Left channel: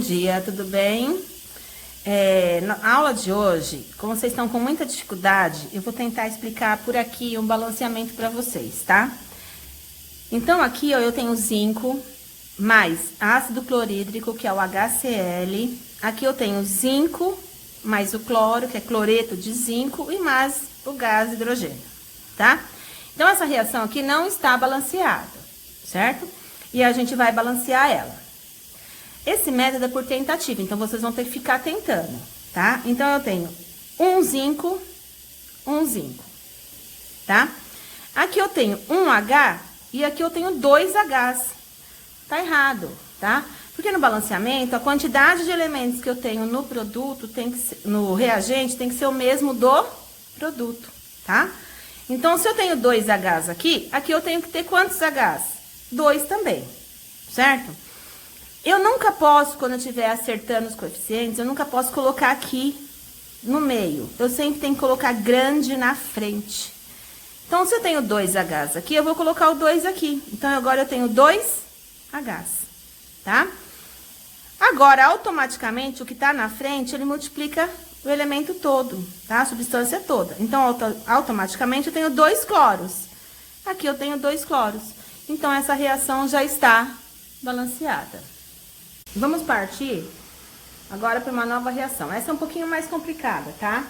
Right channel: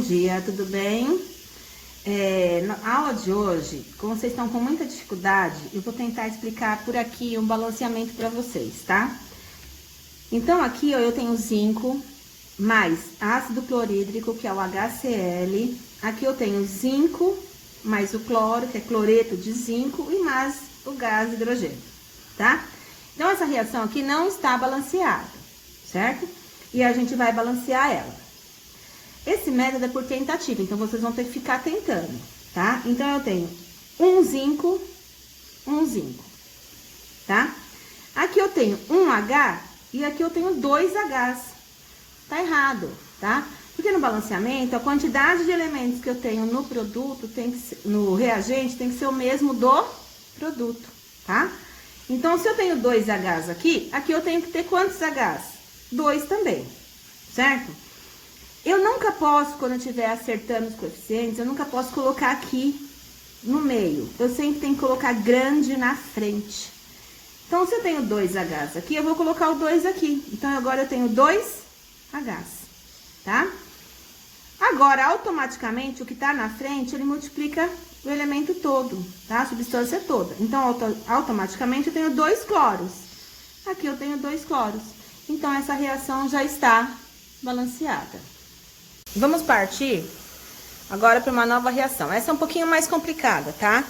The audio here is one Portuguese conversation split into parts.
dia, tudo bem? Na aula de hoje, como vocês estão com muita dificuldade, eu vou tentar explicar por aqui um balanceamento para vocês, tá? Então, aqui, ó, eu tenho zinco mais ácido clorídrico, que é o HCl. Aqui eu tenho zinco mais o cloro, que é cloreto de zinco, e mais o gás hidrogênio, tá? Então, essa reação aqui não está balanceada, certo? E a gente vai balancear ela. Esse método é por tentativa, então vocês vão ter que ficar tentando, tá? Então, eu tenho um zinco, tá? Aqui eu tenho um H e aqui eu tenho 2 Hs. Tá errado, tá? Porque no balanceamento, a quantidade de elementos que eu tenho no produto, no reagente, tem que ser o mesmo do produto, tá? Então, se eu tenho 2 Hs aqui eu tenho que ter quantos Hs? 2 também, certo? Eu nunca posso, quando eu estiver acertando os coeficientes, eu nunca posso colocar aqui no meio. Eu sempre tenho que colocar grande na frente. Então, se eu tenho 2 Hs aqui, eu vou colocar o 2 aqui. Então, agora eu tenho 2 Hs, tá? Agora, automaticamente, o que tá na frente, ele multiplica o elemento todo, tá? A substância toda. Então, automaticamente, eu tenho 2 cloros. Aqui eu tenho 2 cloros. Então, essa reação já está balanceada. Vamos partir agora para uma nova reação. Essa é um pouquinho mais complicada, tá?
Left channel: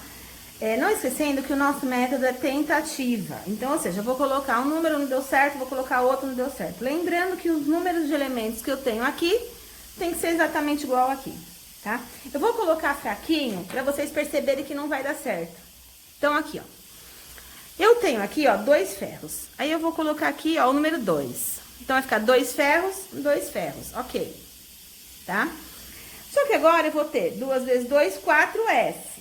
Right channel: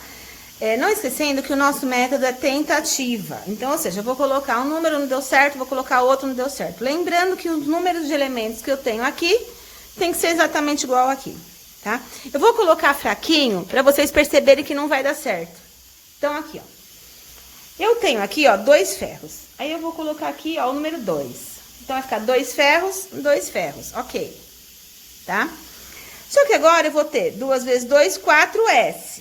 Não esquecendo que o nosso método é tentativa. Então, ou seja, eu vou colocar um número, não deu certo, vou colocar outro, não deu certo. Lembrando que os números de elementos que eu tenho aqui tem que ser exatamente igual aqui, tá? Eu vou colocar fraquinho para vocês perceberem que não vai dar certo. Então, aqui, ó. Eu tenho aqui, ó, 2 ferros. Aí, eu vou colocar aqui, ó, o número 2. Então, vai ficar 2 ferros, ok. Tá? Só que agora eu vou ter 2 vezes 2, 4S.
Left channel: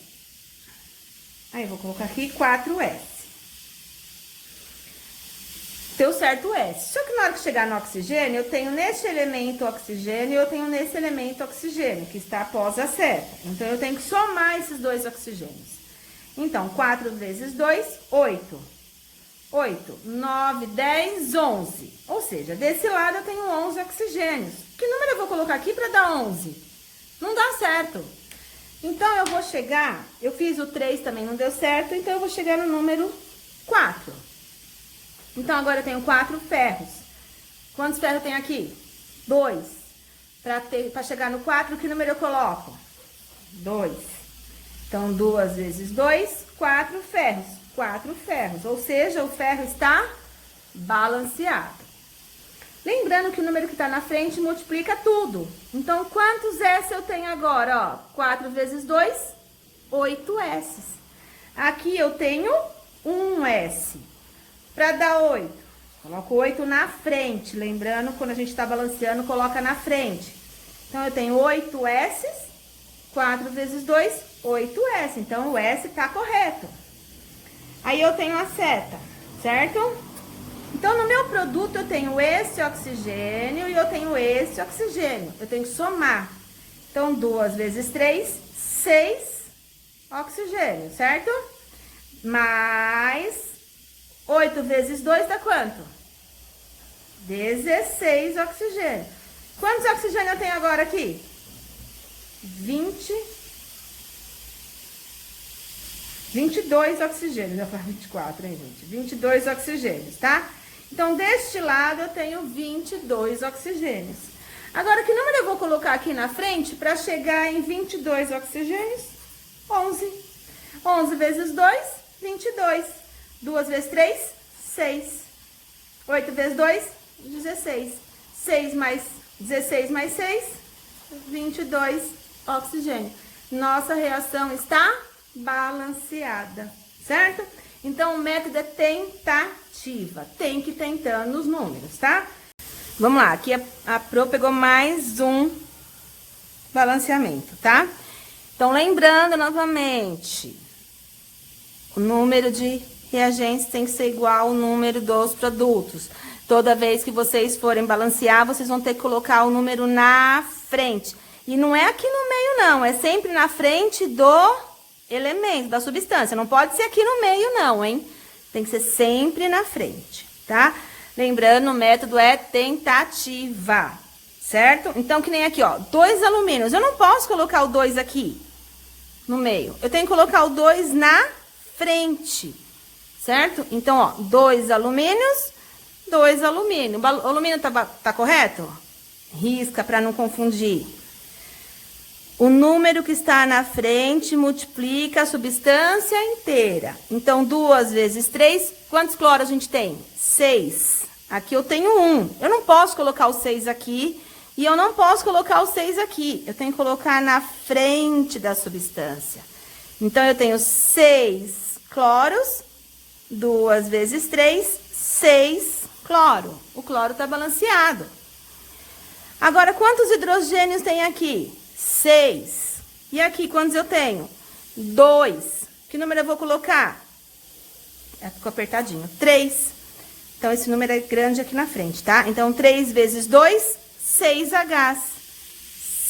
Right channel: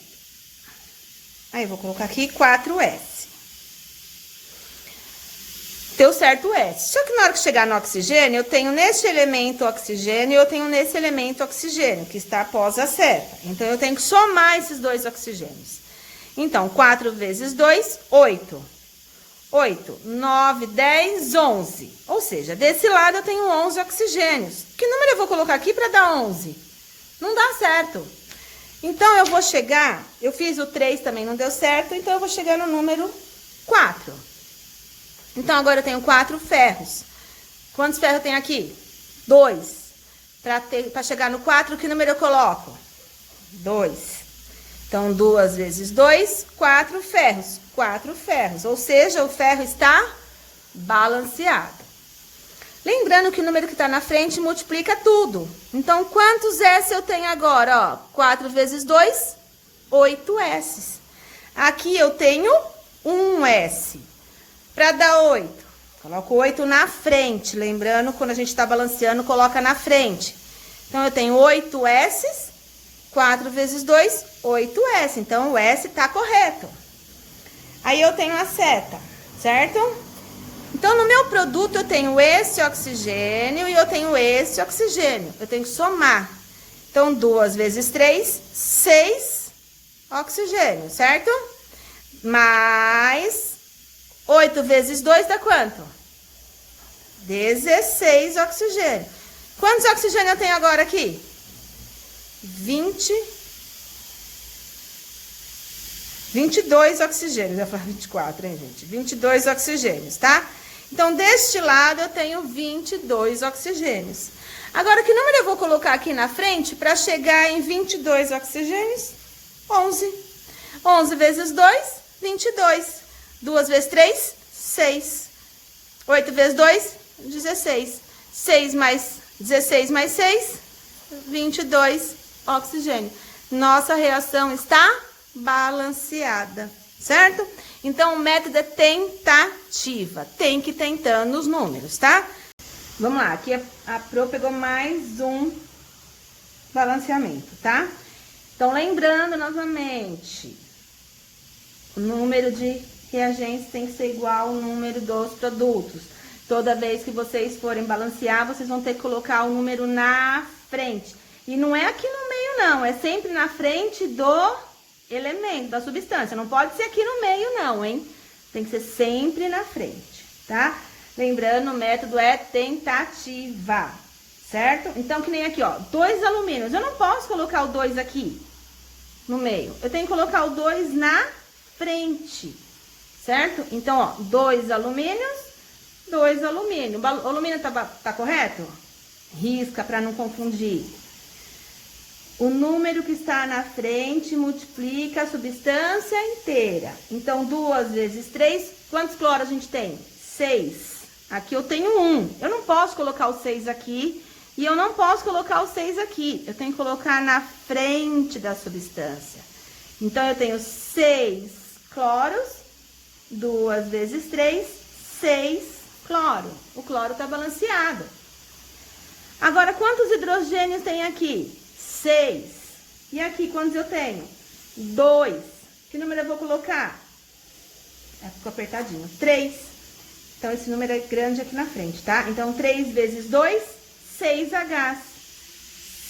Aí, eu vou colocar aqui 4S. Deu certo o S. Só que na hora que chegar no oxigênio, eu tenho nesse elemento oxigênio e eu tenho nesse elemento oxigênio, que está após a seta. Então, eu tenho que somar esses 2 oxigênios. Então, 4 vezes 2, 8. 8, 9, 10, 11. Ou seja, desse lado eu tenho 11 oxigênios. Que número eu vou colocar aqui para dar 11? Não dá certo. Então, eu vou chegar... Eu fiz o 3 também, não deu certo. Então, eu vou chegar no número 4. Então, agora eu tenho 4 ferros. Quantos ferros eu tenho aqui? 2. Para chegar no 4, que número eu coloco? 2. Então, 2 vezes 2, 4 ferros. 4 ferros, ou seja, o ferro está balanceado. Lembrando que o número que está na frente multiplica tudo. Então, quantos S eu tenho agora? Ó, 4 vezes 2, 8 S. Aqui eu tenho 1 S. Para dar 8, coloco 8 na frente. Lembrando, quando a gente está balanceando, coloca na frente. Então, eu tenho 8 S, 4 vezes 2, 8 S. Então, o S está correto. Aí, eu tenho a seta, certo? Então, no meu produto, eu tenho esse oxigênio e eu tenho esse oxigênio. Eu tenho que somar. Então, 2 vezes 3, 6 oxigênio, certo? Mais 8 vezes 2 dá quanto? 16 oxigênio. Quantos oxigênio eu tenho agora aqui? 22 oxigênios, eu ia falar 24, hein, gente? 22 oxigênios, tá? Então, deste lado, eu tenho 22 oxigênios. Agora, que número eu vou colocar aqui na frente para chegar em 22 oxigênios? 11. 11 vezes 2, 22. 2 vezes 3, 6. 8 vezes 2, 16. 6 mais 16 mais 6, 22 oxigênio. Nossa reação está balanceada, certo? Então, o método é tentativa. Tem que ir tentando os números, tá? Vamos lá, aqui a Pro pegou mais um balanceamento, tá? Então, lembrando novamente, o número de reagentes tem que ser igual ao número dos produtos. Toda vez que vocês forem balancear, vocês vão ter que colocar o número na frente. E não é aqui no meio, não. É sempre na frente do elemento, da substância. Não pode ser aqui no meio, não, hein? Tem que ser sempre na frente, tá? Lembrando, o método é tentativa, certo? Então, que nem aqui, ó, 2 alumínios. Eu não posso colocar o 2 aqui no meio. Eu tenho que colocar o 2 na frente, certo? Então, ó, 2 alumínios, 2 alumínio. O alumínio tá correto? Risca para não confundir. O número que está na frente multiplica a substância inteira. Então, 2 vezes 3, quantos cloros a gente tem? 6. Aqui eu tenho 1. Eu não posso colocar o 6 aqui e eu não posso colocar o 6 aqui. Eu tenho que colocar na frente da substância. Então, eu tenho 6 cloros, 2 vezes 3, 6 cloro. O cloro está balanceado. Agora, quantos hidrogênios tem aqui? 6. E aqui, quantos eu tenho? 2. Que número eu vou colocar? Ficou apertadinho. 3. Então, esse número é grande aqui na frente, tá? Então, 3 vezes 2, 6Hs.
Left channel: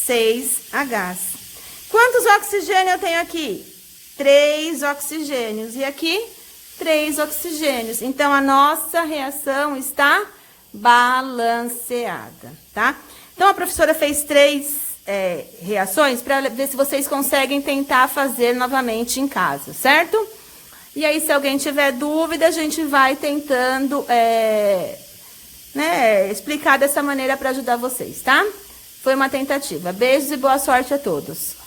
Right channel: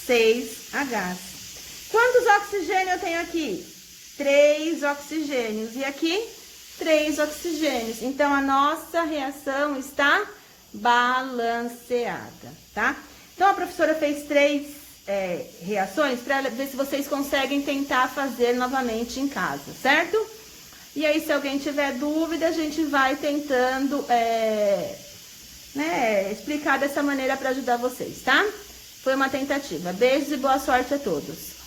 6Hs. Quantos oxigênios eu tenho aqui? 3 oxigênios. E aqui, 3 oxigênios. Então, a nossa reação está balanceada, tá? Então, a professora fez 3 reações para ver se vocês conseguem tentar fazer novamente em casa, certo? E aí, se alguém tiver dúvida, a gente vai tentando explicar dessa maneira para ajudar vocês, tá? Foi uma tentativa. Beijos e boa sorte a todos.